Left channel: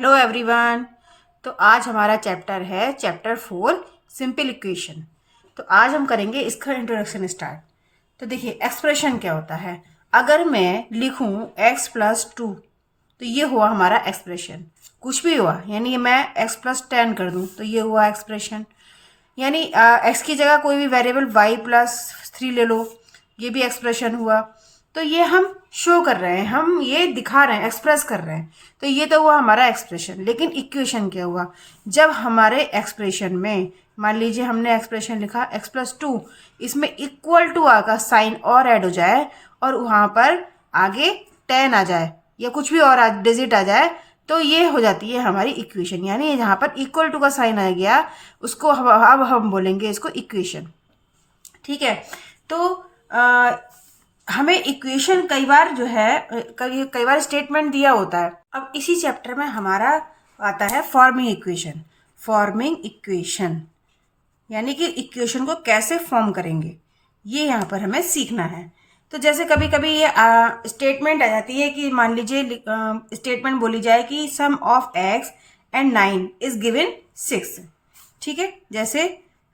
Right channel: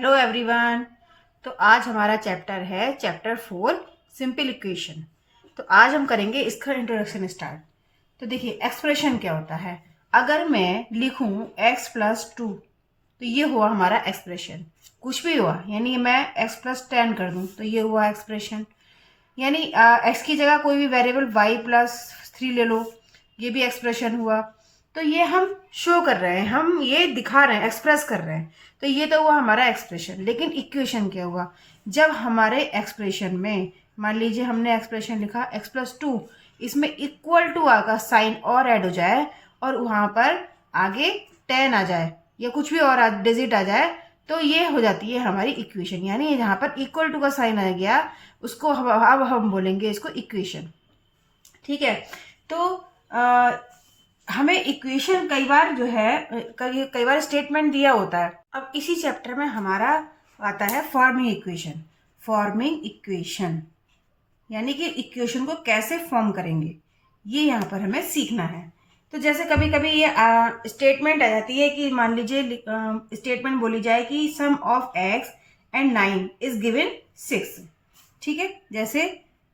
Hello everyone. तो आज हमारा चैप्टर है चैप्टर 4 सिंपल इक्वेशन। तो आज हम करेंगे इसका इंट्रोडक्शन स्टार्ट। तो देखिए एक्सप्रेशन क्या होता है। अगर मैं लिखूं x+2 तो ये हुआ हमारा एक्सप्रेशन। कुछ भी हुआ यानी मैं x+10 कर दूं तो ये हुआ एक्सप्रेशन। यानी x की जगह कोई भी वेरिएबल y+3 ले लो, ये भी एक्सप्रेशन हुआ। तो ये हम शो कर रहे हैं, हम ये दिखा रहे हैं, एक्सप्रेस कर रहे हैं। तो ये तो हुआ हमारा एक्सप्रेशन। लेकिन इक्वेशन क्या हुआ, जब हमारे एक्सप्रेशन में मान लीजिए हमने एक्सप्रेशन लिखा x+2, इसमें इक्वल टू का साइन और ऐड हो जाए और वहाँ पर आगे 10 आ जाए या कुछ भी और डिजिट आ जाए, तो ये हो जाती है हमारी इक्वेशन। यानी जहाँ पर इक्वल टू का साइन आ गया उसको अब हम बोलेंगे इसको इक्वेशन। ठीक है। तो हमें इक्वेशन कई बार जो है कई बार स्टेटमेंट दिया होता है। अब इसी चैप्टर में हमारा आता है फॉर्मिंग इक्वेशन। फॉर्मिंग इक्वेशन यानी कि इक्वेशन को कैसे फॉर्म करेंगे, ये यहाँ पर हमें सीखना है। तो जैसे कभी कभी ये स्टेटमेंट आ जाती है कि मान लीजिए स्टेटमेंट बोली जाए कि sum of x and 9 is given 6। ठीक है। जैसे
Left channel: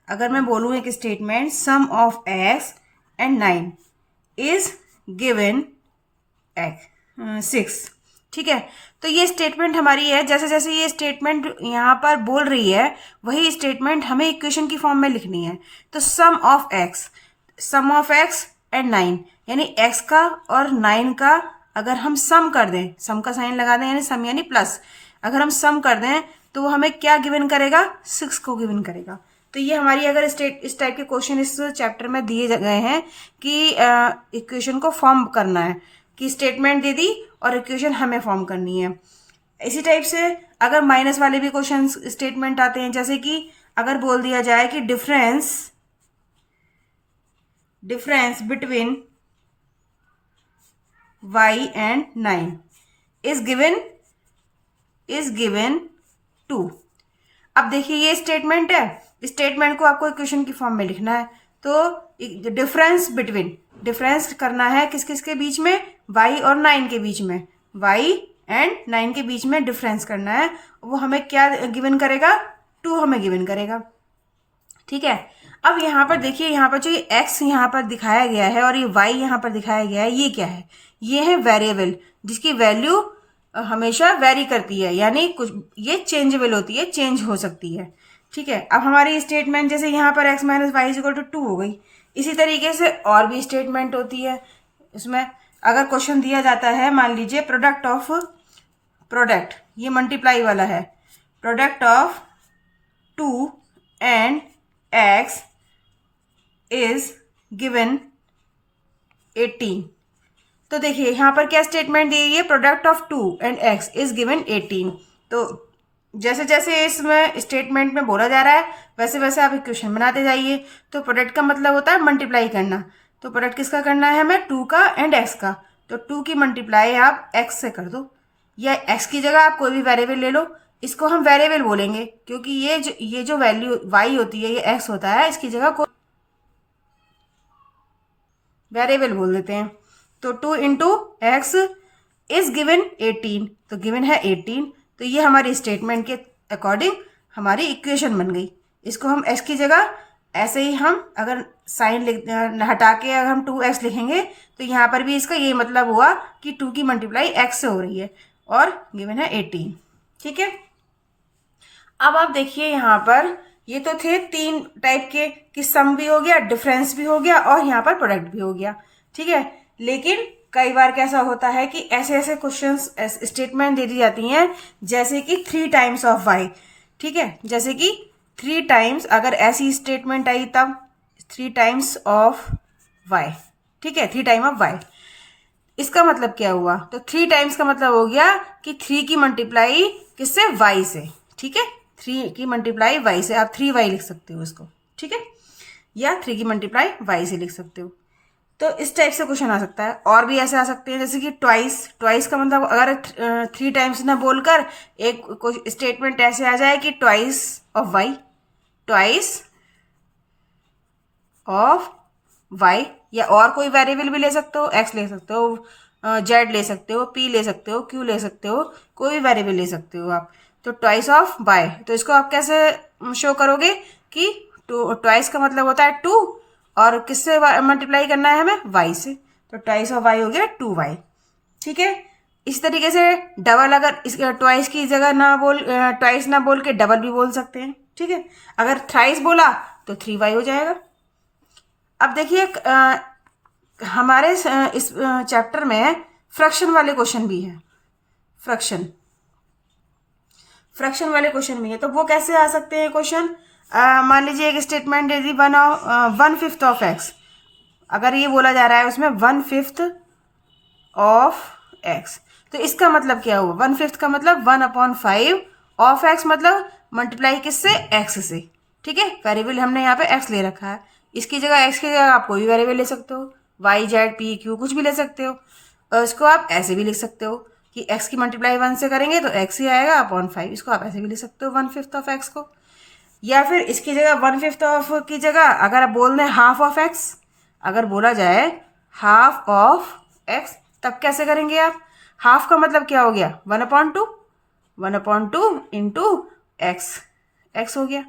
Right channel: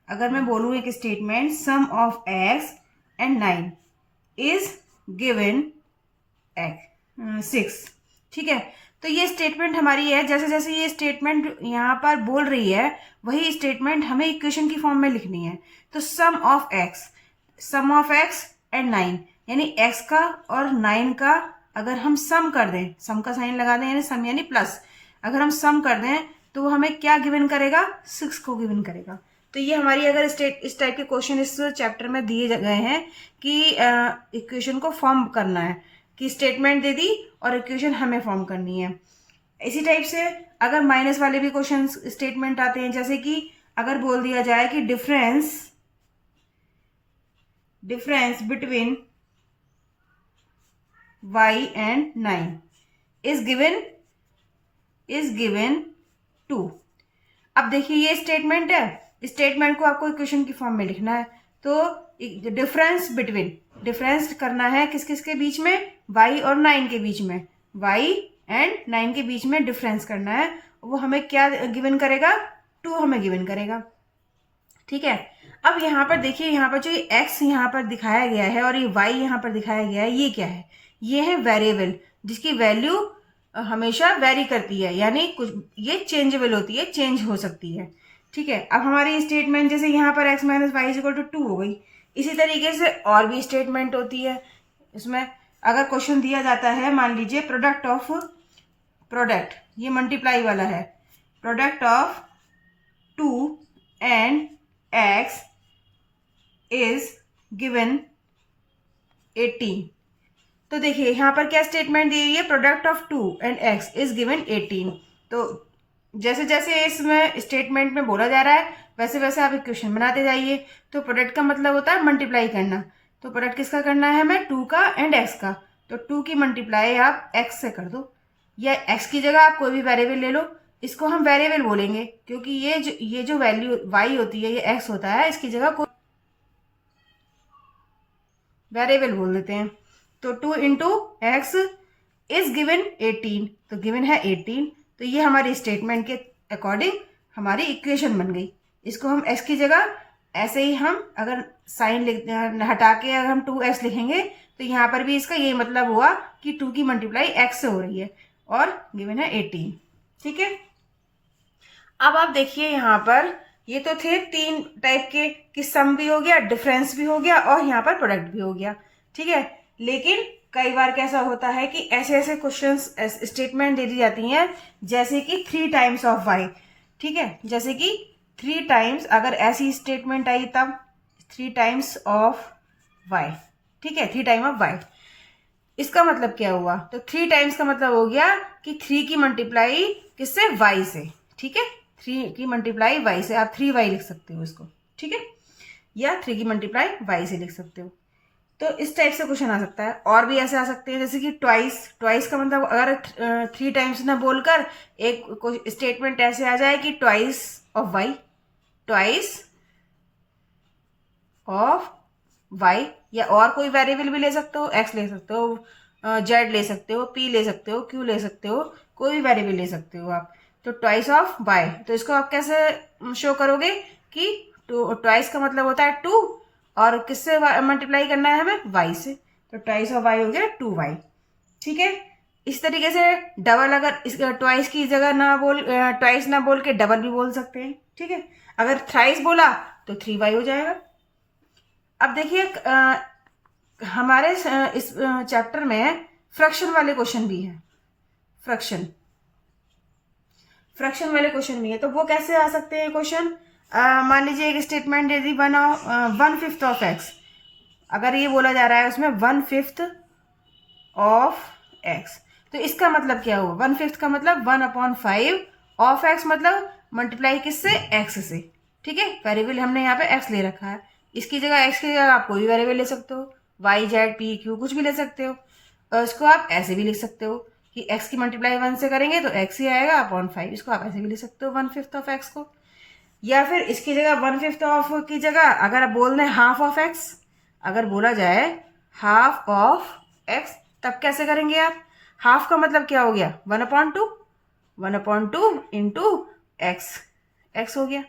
अगर मैं बोलूँ एक statement sum of x and 9 is given 6। ठीक है। तो ये स्टेटमेंट हमारी है। जैसे जैसे ये स्टेटमेंट यहाँ पर बोल रही है वही स्टेटमेंट हमें इक्वेशन की फॉर्म में लिखनी है। तो सम ऑफ x एंड 9 यानी x का और 9 का अगर हम सम कर दें, सम का साइन लगा दें यानी सम यानी प्लस, अगर हम सम कर दें तो वो हमें क्या गिवन करेगा, 6 को गिवन करेगा। तो ये हमारी अगर इस टाइप के क्वेश्चन इस चैप्टर में दिए गए हैं कि इक्वेशन को फॉर्म करना है, कि स्टेटमेंट दे दी और इक्वेशन हमें फॉर्म करनी है। इसी टाइप से अगर माइनस वाले भी क्वेश्चन स्टेटमेंट आते हैं, जैसे कि अगर बोल दिया जाए कि difference between y and 9 is given 2। अब देखिए ये स्टेटमेंट है, स्टेटमेंट को आपको इक्वेशन की फॉर्म में लिखना है। तो डिफरेंस करना है किस किस के बीच में, y और 9 के बीच में, y एंड 9 के बीच में डिफरेंस करना है। वो हमें क्या गिवन करेगा, 2 हमें गिवन करेगा। ठीक है। अब यहाँ पर देखिए, यहाँ पर जो ये x यहाँ पर दिखाया गया है और ये y यहाँ पर दिखाया गया है, ये क्या है, ये है वेरिएबल जिसकी वैल्यू हमेशा वेरी करती है, यानी कुछ ये चेंजेबल होती है, चेंज हो सकती है। ठीक है। अब हमारी स्टेटमेंट जैसे यहाँ पर x minus y equal to 2 हो गई। इसी तरीके से और भी स्टेटमेंट होती है। उसमें अगर क्वेश्चन दिया जाता है, मान लीजिए प्रोडक्ट ये मल्टीप्लाई वाला है, product of 2 and x is given 18। तो देखिए यहाँ पर क्या स्टेटमेंट दी गई है, product of 2 and x is given 18। तो जैसे जैसे इसमें स्टेटमेंट में बोला जा रहा है वैसे वैसे आप इक्वेशन बनाते जाइए। तो प्रोडक्ट का मतलब होता है मल्टीप्लाई करना। तो प्रोडक्ट किसका करना है हमें, 2 का एंड x का। तो 2 की मल्टीप्लाई आप x से कर दो, या x की जगह आप कोई भी वेरिएबल ले लो। इसको हम वेरिएबल बोलेंगे क्योंकि ये जो वैल्यू y होती है ये x होता है, इसकी जगह कोई वेरिएबल बोल देते हैं। तो 2 इंटू एक्स इज गिवन 18, तो गिवन है 18। तो ये हमारी स्टेटमेंट के अकॉर्डिंग हमारी इक्वेशन बन गई। इसको हम x की जगह ऐसे ही हम अगर साइन हटा के अगर हम 2x लिखेंगे तो यहाँ पर भी इसका यही मतलब हुआ कि 2 की मल्टीप्लाई x से हो रही है और गिवन है 18। ठीक है। अब आप देखिए यहाँ पर ये तो थे 3 टाइप के, कि सम भी हो गया, डिफरेंस भी हो गया और यहाँ पर प्रोडक्ट भी हो गया। ठीक है। लेकिन कई बार कैसा होता है कि ऐसे ऐसे क्वेश्चंस स्टेटमेंट दे दी जाती हैं जैसे कि 3 टाइम्स ऑफ y। ठीक है। जैसे कि 3 टाइम्स, अगर ऐसी स्टेटमेंट आई तब 3 टाइम्स ऑफ y। ठीक है, 3 टाइम ऑफ y। इसका मतलब क्या हुआ, तो 3 टाइम्स का मतलब हो गया कि 3 की मल्टीप्लाई किससे, y से। ठीक है। 3 की मल्टीप्लाई y से, आप 3y लिख सकते हो इसको। ठीक है। या 3 की मल्टीप्लाई y से लिख सकते हो। तो इस टाइप से क्वेश्चन आ सकता है। और भी ऐसे आ सकते हैं जैसे कि ट्वाइस का मतलब अगर 3 टाइम्स ना बोलकर एक स्टेटमेंट ऐसे आ जाए कि ट्वाइस ऑफ वाई, या और कोई वेरिएबल भी ले सकते हो, एक्स ले सकते हो, जेड ले सकते हो, पी ले सकते हो, क्यू ले सकते हो, कोई भी वेरिएबल ले सकते हो आप। तो ट्वाइस ऑफ वाई, तो इसको आप कैसे शो करोगे कि ट्वाइस का मतलब होता है 2 और किससे मल्टीप्लाई करना है हमें, वाई से, तो ट्वाइस ऑफ वाई हो गया 2y। ठीक है, इस तरीके से डबल, अगर इस ट्वाइस की जगह ना बोल ट्वाइस ना बोल के डबल भी बोल सकते हैं। ठीक है, अगर थ्राइस बोला तो 3y हो जाएगा। अब देखिए हमारे इस चैप्टर में फ्रैक्शन वाले क्वेश्चन भी हैं। फ्रैक्शन वाले क्वेश्चन भी है, तो वो कैसे आ सकते हैं क्वेश्चन। मान लीजिए एक स्टेटमेंट यदि बनाओ 1/5 ऑफ एक्स, अगर ये बोला जा रहा है उसमें 1/5 ऑफ एक्स, तो इसका मतलब क्या हुआ, 1/5 का मतलब 1/5 ऑफ एक्स, मतलब मल्टीप्लाई किससे, एक्स से। ठीक है, वेरिएबल हमने यहाँ पे एक्स ले रखा है, इसकी जगह एक्स की जगह आप कोई भी वेरिएबल ले सकते हो, वाई जेड पी क्यू कुछ भी ले सकते हो। और उसको आप ऐसे भी लिख सकते हो कि एक्स की मल्टीप्लाई 1 से करेंगे तो एक्स ही आएगा अपॉन 5, इसको आप ऐसे भी लिख सकते हो 1/5 ऑफ एक्स को। या फिर इसकी जगह 1/5 ऑफ की जगह अगर आप बोल दें हाफ ऑफ एक्स, अगर बोला जाए हाफ ऑफ एक्स, तब कैसे करेंगे आप, हाफ का मतलब क्या हो गया 1/2, 1/2 इंटू एक्स, एक्स हो गया,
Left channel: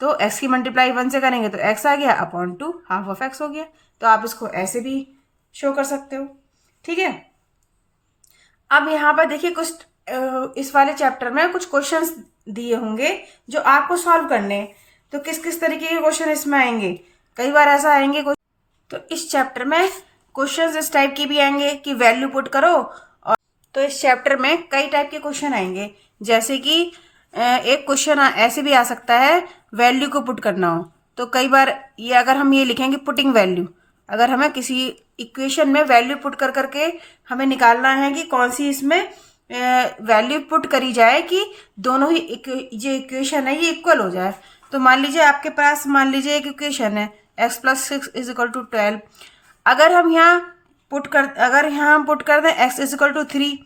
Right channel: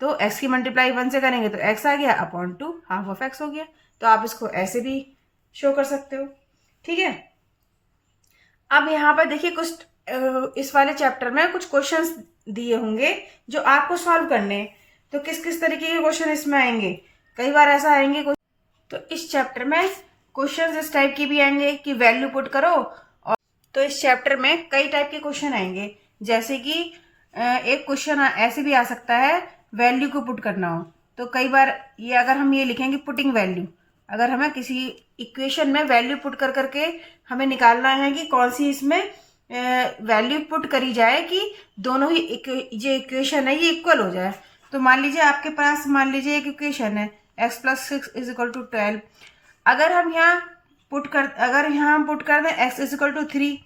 तो एक्स की मल्टीप्लाई 1 से करेंगे तो एक्स आ गया अपॉन 2, हाफ ऑफ एक्स हो गया। तो आप इसको ऐसे भी शो कर सकते हो। ठीक है, अब यहाँ पर देखिए कुछ इस वाले चैप्टर में कुछ क्वेश्चंस दिए होंगे जो आपको सॉल्व करने हैं। तो किस किस तरीके के क्वेश्चन इसमें आएंगे, कई बार ऐसा आएंगे तो इस चैप्टर में क्वेश्चंस इस टाइप की भी आएंगे कि वैल्यू पुट करो। और तो इस चैप्टर में कई टाइप के क्वेश्चन आएंगे, जैसे कि एक क्वेश्चन ऐसे भी आ सकता है वैल्यू को पुट करना हो, तो कई बार ये अगर हम ये लिखेंगे पुटिंग वैल्यू, अगर हमें किसी इक्वेशन में वैल्यू पुट कर करके हमें निकालना है कि कौन सी इसमें वैल्यू पुट करी जाए कि दोनों ही जो इक्वेशन है ये इक्वल हो जाए। तो मान लीजिए आपके पास, मान लीजिए एक इक्वेशन है x+6 = 12, अगर हम यहाँ पुट कर दें x = 3,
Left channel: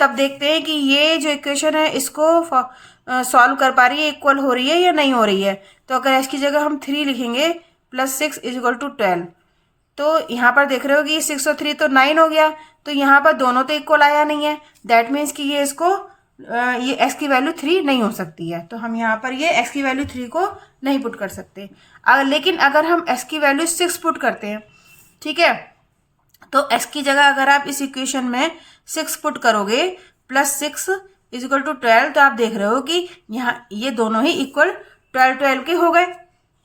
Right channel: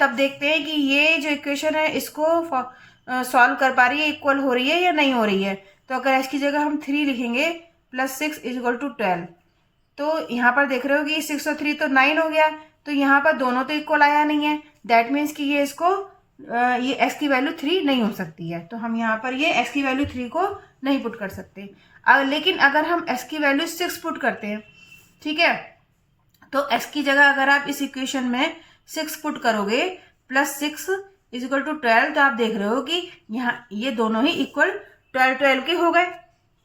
तब देखते हैं कि ये जो इक्वेशन है इसको सॉल्व कर पा रही है, इक्वल हो रही है या नहीं हो रही है। तो अगर x की जगह हम 3 लिखेंगे +6 = 12, तो यहाँ पर देख रहे हो कि 6 और 3 तो 9 हो गया, तो यहाँ पर दोनों तो इक्वल आया नहीं है, दैट मीन्स कि ये इसको ये x की वैल्यू 3 नहीं हो सकती है, तो हम यहाँ पर ये x की वैल्यू 3 को नहीं पुट कर सकते। लेकिन अगर हम x की वैल्यू 6 पुट करते हैं, ठीक है, तो x की जगह अगर आप इस इक्वेशन में 6 पुट करोगे +6 = 12, तो आप देख रहे हो कि यहाँ ये दोनों ही इक्वल 12 के हो गए।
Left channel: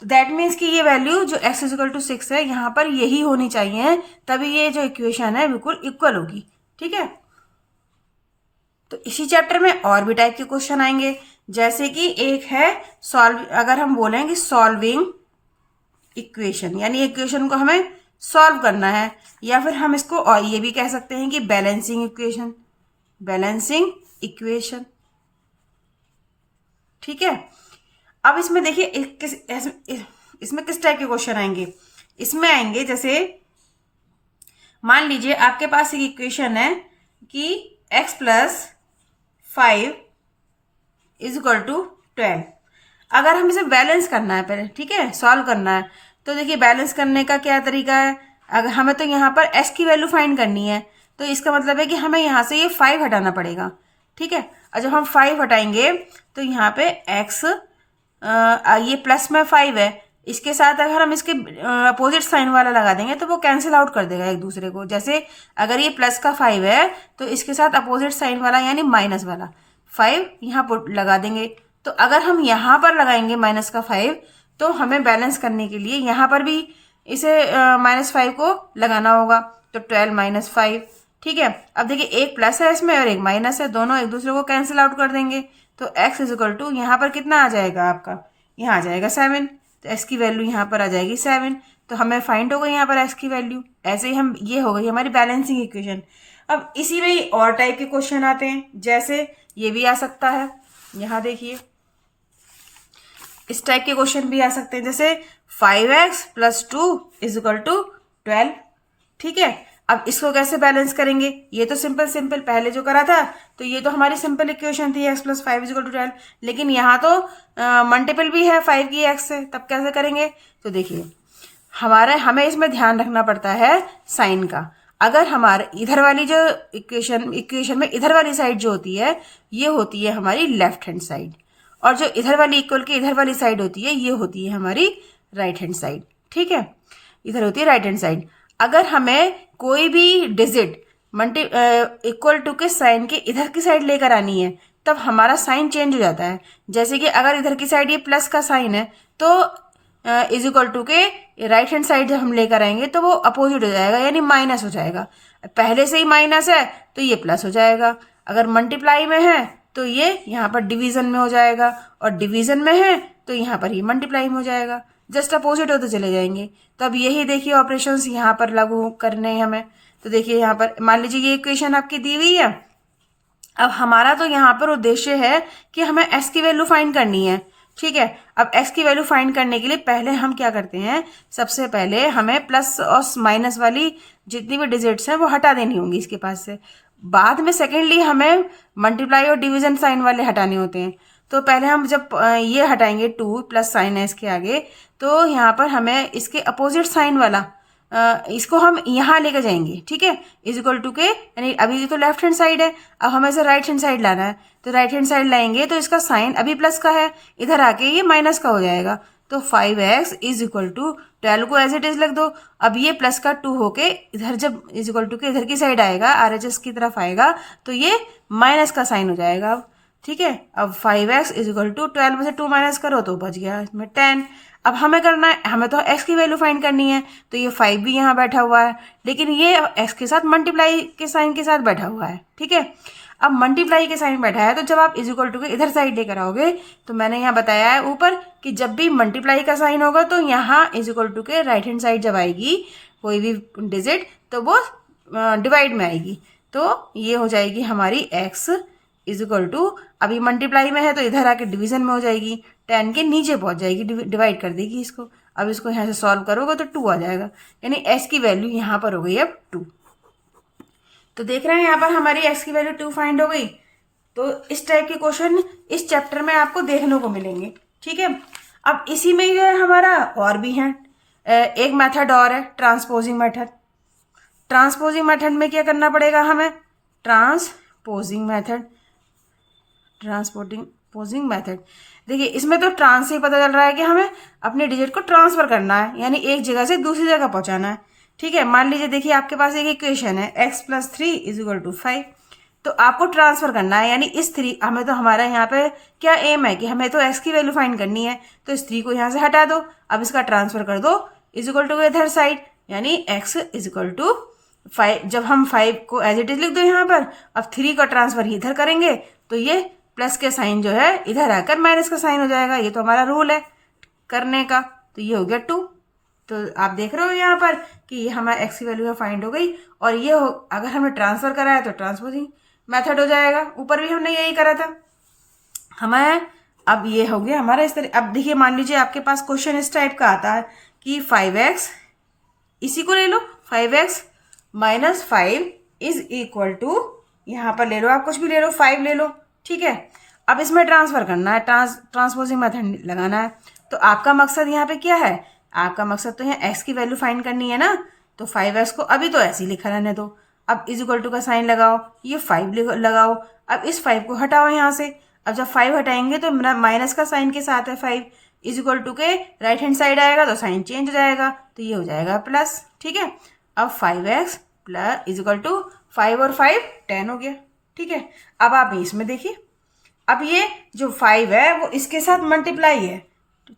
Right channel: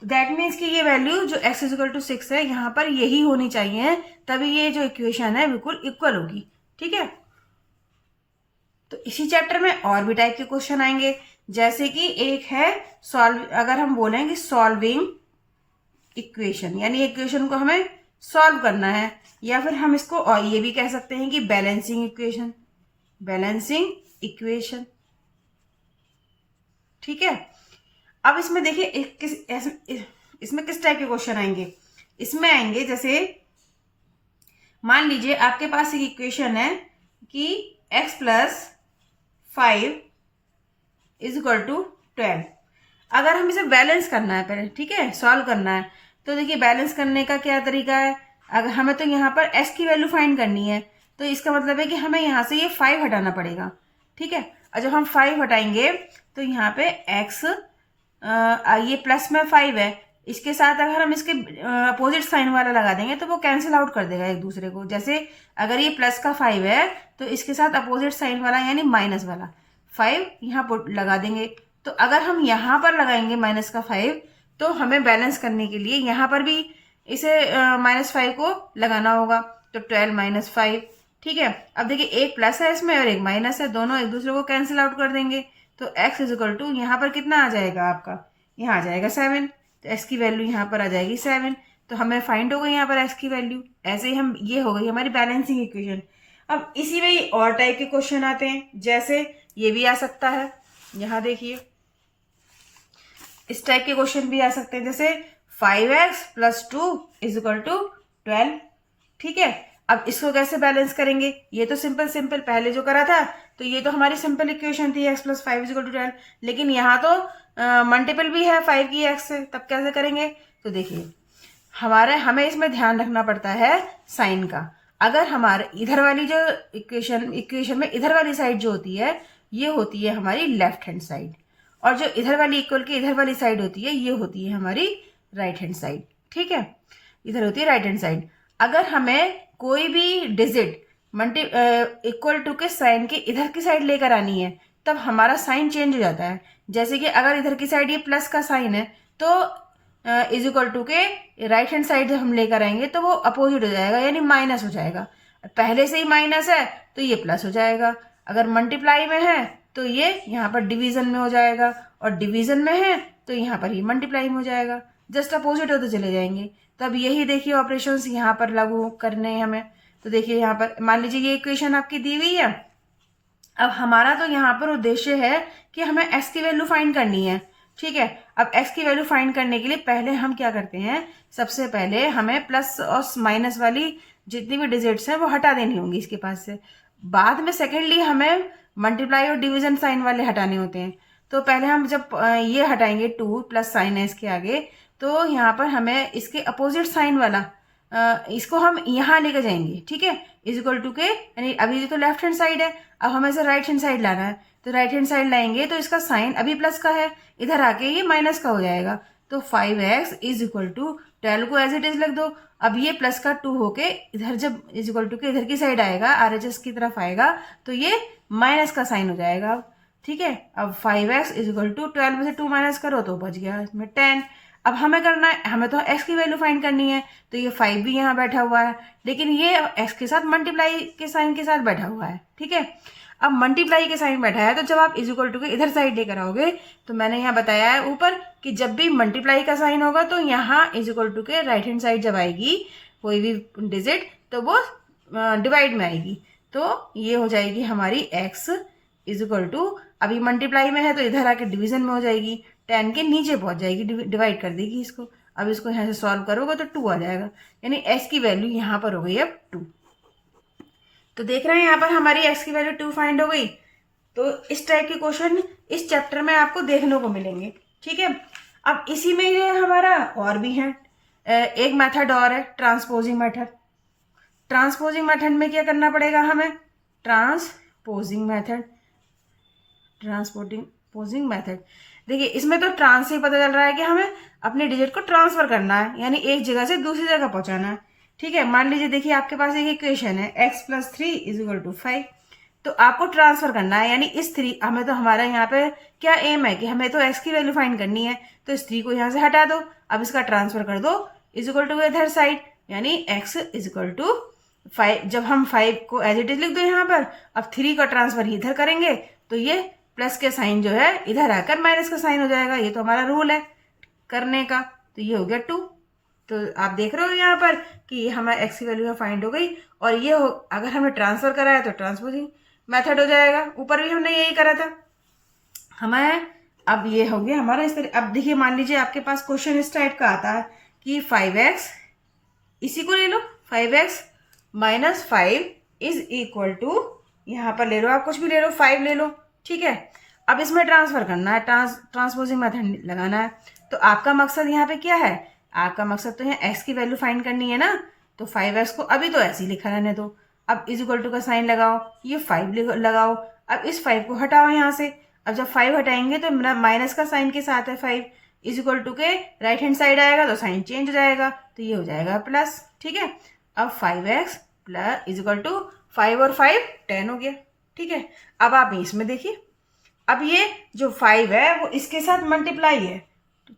तो दैट मीन्स कि ये वैल्यू जो x = 6 है यहाँ पर यही होनी चाहिए, तभी ये जो इक्वेशन है बिल्कुल इक्वल होगी। ठीक है, तो इसी चैप्टर में और भी टाइप के क्वेश्चन आएंगे, जैसे कि एक है सॉल्व, अगर हम बोलें कि सॉल्विंग इक्वेशन, यानी इक्वेशन को हमें सॉल्व करना है, या फिर हम इसको और ये भी कह सकते हैं कि बैलेंसिंग इक्वेशन, बैलेंसिंग इक्वेशन। ठीक है, अब इसमें देखिए इसमें किस टाइप के क्वेश्चन आएंगे, इसमें आएंगे जैसे मान लीजिए आपके पास एक इक्वेशन है कि x+5 = 12, अगर हम इसे बैलेंस करना है पहले, ठीक है, सॉल्व करना है, तो देखिए बैलेंस करने का क्या तरीका है, अगर हमें तो यहाँ पर x की वैल्यू फाइंड करनी है, तो इसका मतलब है कि हमें यहाँ से ये 5 हटाना पड़ेगा। ठीक है, और जब हम 5 हटाएंगे तो यहाँ पे x ये प्लस में 5 है, इसके साथ अगर हम इसके अपोजिट साइन वाला लगा देंगे तो वो कैंसिल आउट कर देगा एक दूसरे को। जैसे अगर ये प्लस का 5 है तो इसके साथ अपोजिट साइन वाला यानी माइनस वाला 5 यहाँ पर लगा देंगे। तो अगर हम यहाँ पर लगाएंगे -5, तो हमें बैलेंस करने के लिए यहाँ पर भी इसे -5 को लगाना होगा, तो 12 - 5। ठीक है, अब देखिए एक प्लस है इसमें और एक माइनस है, दोनों एक दूसरे को कैंसिल आउट कर देंगे, तो x = यहाँ पर कितना आ जाएगा आपका, यहाँ आ जाएगा 7, तो x की वैल्यू यहाँ पर आ जाएगी 7, तो हमें फाइंड हो गई यहाँ पर x की वैल्यू। ऐसे ही हम, ये हो गई हमारी बैलेंसिंग इक्वेशन। अब इसी में और टाइप के क्वेश्चन आते हैं, जैसे ये भी आ सकता है, यहाँ देखिए इस टाइप के क्वेश्चन भी आ सकते हैं, जैसे 5x + 2 = 12। ठीक है, अब इसको कैसे बैलेंस करेंगे, ये तो सिंपल पहले जो करा था, तो ये तो हमारी सिंपल इक्वेशन थी x + 5 = 12, लेकिन यहाँ तो मल्टीपल भी है 5 की x से, तब कैसे करेंगे। तो देखिए हमें इसमें ध्यान रखना पड़ता है साइन का। अगर हमारे इधर वाली जो इक्वेशन में इधर वाली साइड जो होती है ये होती है हमारी लेफ्ट हैंड साइड, और जो इधर वाली इक्वल के इधर वाली साइड होती है ये होती है हमारी राइट हैंड साइड। ठीक है, इधर होती है राइट हैंड साइड। अगर हमें कोई भी डिजिट इक्वल टू के साइन के इधर की साइड लेकर आनी है तब हमारा साइन चेंज हो जाता है। जैसे कि अगर इधर की साइड ये प्लस का साइन है तो इज इक्वल टू के राइट हैंड साइड जब हम लेकर आएंगे तो वो अपोजिट हो जाएगा, यानी माइनस हो जाएगा। पहले से ही माइनस है तो ये प्लस हो जाएगा। अगर मल्टीप्लाई में है तो ये यहाँ पर डिवीजन में हो जाएगा, और डिवीजन में है तो यहाँ पर ही मल्टीप्लाई में हो जाएगा। जस्ट अपोजिट होते चले जाएंगे। तो अब यही देखिए ऑपरेशंस यहाँ पर लागू करने हैं हमें। तो देखिए यहाँ पर मान लीजिए ये इक्वेशन आपकी दी हुई है। अब हमारा तो यहाँ पर उद्देश्य है कि हमें एक्स की वैल्यू फाइंड करनी है। ठीक है, अब एक्स की वैल्यू फाइंड करने के लिए पहले हम क्या करते हैं, सबसे पहले हमें प्लस और माइनस वाली जितनी भी डिजिट्स हैं वो हटा देनी होंगी इसके पास से। बाद में सेकेंडली हमें मल्टीप्लाई और डिवीजन साइन वाले हटाने होते हैं। तो पहले हम जब ये हटाएंगे 2 प्लस साइन है इसके आगे, तो यहाँ पर हमें इसके अपोजिट साइन वाला इसको हम यहाँ लेके जाएंगे। ठीक है, इज इक्वल टू के, यानी अभी तो लेफ्ट हैंड साइड है, अब हमें इसे राइट हैंड साइड लाना है। तो राइट हैंड साइड लाएंगे तो इसका साइन अभी प्लस का है, इधर आके ये माइनस का हो जाएगा। तो 5x इज इक्वल टू 12 को एज इट इज लिख दो। अब ये प्लस का 2 होके इधर जब इज इक्वल टू के इधर की साइड आएगा, RHS की तरफ आएगा, तो ये माइनस का साइन हो जाएगा। अब ठीक है, अब 5x इज इक्वल टू 12 में से 2 माइनस करो तो बच गया इसमें 10। अब हमें करना है, हमें तो x की वैल्यू फाइंड करनी है। तो ये 5 भी यहाँ बैठा हुआ है, लेकिन ये x के साथ मल्टीप्लाई के साइन के साथ बैठा हुआ है। ठीक है, अब मल्टीप्लाई के साइन बैठा है तो जब आप इज इक्वल टू के इधर साइड लेकर आओगे तो मैंने यहाँ बताया है ऊपर कि जब भी मल्टीप्लाई का साइन होगा तो यहाँ इज इक्वल टू के राइट हैंड साइड जब आएगी कोई भी डिजिट तो वो डिवाइड में आएगी। तो ये हो जाएगी हमारी x इज इक्वल टू, अभी मल्टीप्लाई में है तो इधर आके डिवीजन में हो जाएगी, 10 के नीचे पहुंच जाएगी, डिवाइड कर देगी इसको। अब इसको यहाँ से सॉल्व करोगे तो 2 आ जाएगा, यानी x की वैल्यू यहाँ पर हो गई अब 2। तो देख रहे हैं यहाँ पर हमारी x की वैल्यू 2 फाइंड हो गई। तो इस टाइप के क्वेश्चन इस चैप्टर में आपको देखने को मिलेंगे। ठीक है, अब इसी में जो है हमारा और भी है एक मेथड और है, ट्रांसपोजिंग मेथड। ट्रांसपोजिंग मेथड में क्या करना पड़ेगा हमें, ट्रांसपोजिंग मेथड। देखिए इसमें तो ट्रांस से पता चल रहा है कि हमें अपने डिजिट को ट्रांसफर करना है, यानी एक जगह से दूसरी जगह पहुंचाना है। ठीक है, मान लीजिए देखिए आपके पास एक इक्वेशन है x + 3 इज इक्वल टू 5, तो आपको ट्रांसफर करना है, यानी इस 3 हमें तो हमारा यहाँ पे क्या एम है कि हमें तो x की वैल्यू फाइंड करनी है, तो इस 3 को यहाँ से हटा दो, अब इसका ट्रांसफर कर दो इज इक्वल टू इधर साइड, यानी x इज इक्वल टू 5। जब हम 5 को एज इट इज लिख दो यहाँ पर, अब 3 का ट्रांसफर इधर करेंगे तो ये प्लस के साइन जो है इधर आकर माइनस का साइन हो जाएगा। ये तो हमारा रूल है करने का। तो ये हो गया 2। तो आप देख रहे हो यहाँ पर कि हमारा x की वैल्यू फाइंड हो गई, और ये अगर हमने ट्रांसफर करा है तो ट्रांसपोजिंग मेथड हो जाएगा। ऊपर भी हमने यही करा था हमें। अब ये हो गया हमारा इस तरह। अब देखिए मान लीजिए आपके पास क्वेश्चन इस टाइप का आता है कि 5x, इसी को ले लो, 5x minus 5 is equal to, यहाँ पर ले लो आप कुछ भी ले लो, 5 ले लो। ठीक है, अब इसमें ट्रांसफर करना है, ट्रांसपोजिंग मेथड लगाना है। तो आपका मकसद यहाँ पे क्या है, आपका मकसद तो है x की वैल्यू फाइंड करनी है ना। तो 5x को अभी तो ऐसे ही लिखा रहने दो, अब इज इक्वल टू का साइन लगाओ, ये 5 लगाओ, अब इस 5 को हटाओ यहाँ से। अब जब 5 हटाएंगे तो मेरा माइनस का साइन के साथ है 5, इज इक्वल टू के राइट हैंड साइड आएगा तो साइन चेंज हो जाएगा, तो ये हो जाएगा प्लस। ठीक है, अब 5x plus is equal to 5 और 5 10 हो गया। ठीक है, अब आप इसमें देखिए, अब ये जो 5 है वो इसके साथ मल्टीप्लाई है,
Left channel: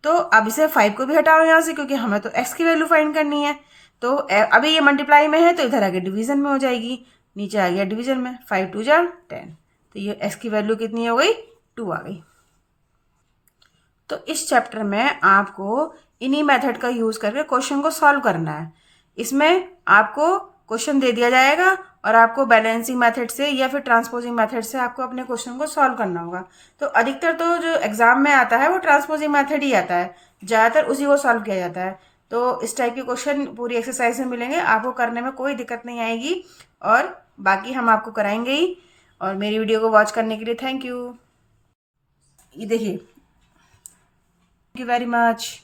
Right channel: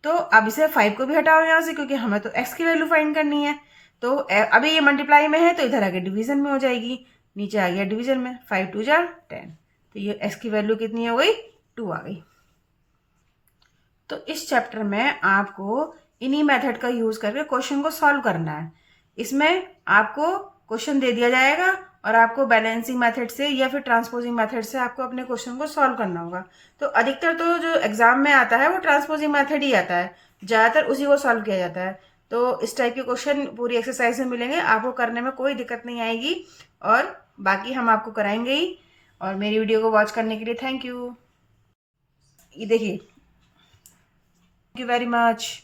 तो अब इसे 5 को भी हटाओ यहाँ से, क्योंकि हमें तो x की वैल्यू फाइंड करनी है। तो अभी ये मल्टीप्लाई में है तो इधर आके डिवीजन में हो जाएगी, नीचे आ गया डिवीजन में, 5 2 10, तो ये x की वैल्यू कितनी हो गई, 2 आ गई। तो इस चैप्टर में आपको इन्हीं मेथड का यूज करके क्वेश्चन को सॉल्व करना है। इसमें आपको क्वेश्चन दे दिया जाएगा और आपको बैलेंसिंग मेथड से या फिर ट्रांसपोजिंग मेथड से आपको अपने क्वेश्चन को सॉल्व करना होगा। तो अधिकतर तो जो एग्जाम में आता है वो ट्रांसपोजिंग मेथड ही आता है, ज़्यादातर उसी को सॉल्व किया जाता है। तो इस टाइप के क्वेश्चन पूरी एक्सरसाइज में मिलेंगे, आपको करने में कोई दिक्कत नहीं आएगी, और बाकी हम आपको कराएंगे ही। और मेरी वीडियो को वॉच करने के लिए थैंक यू। ये देखिए, थैंक यू वेरी मच।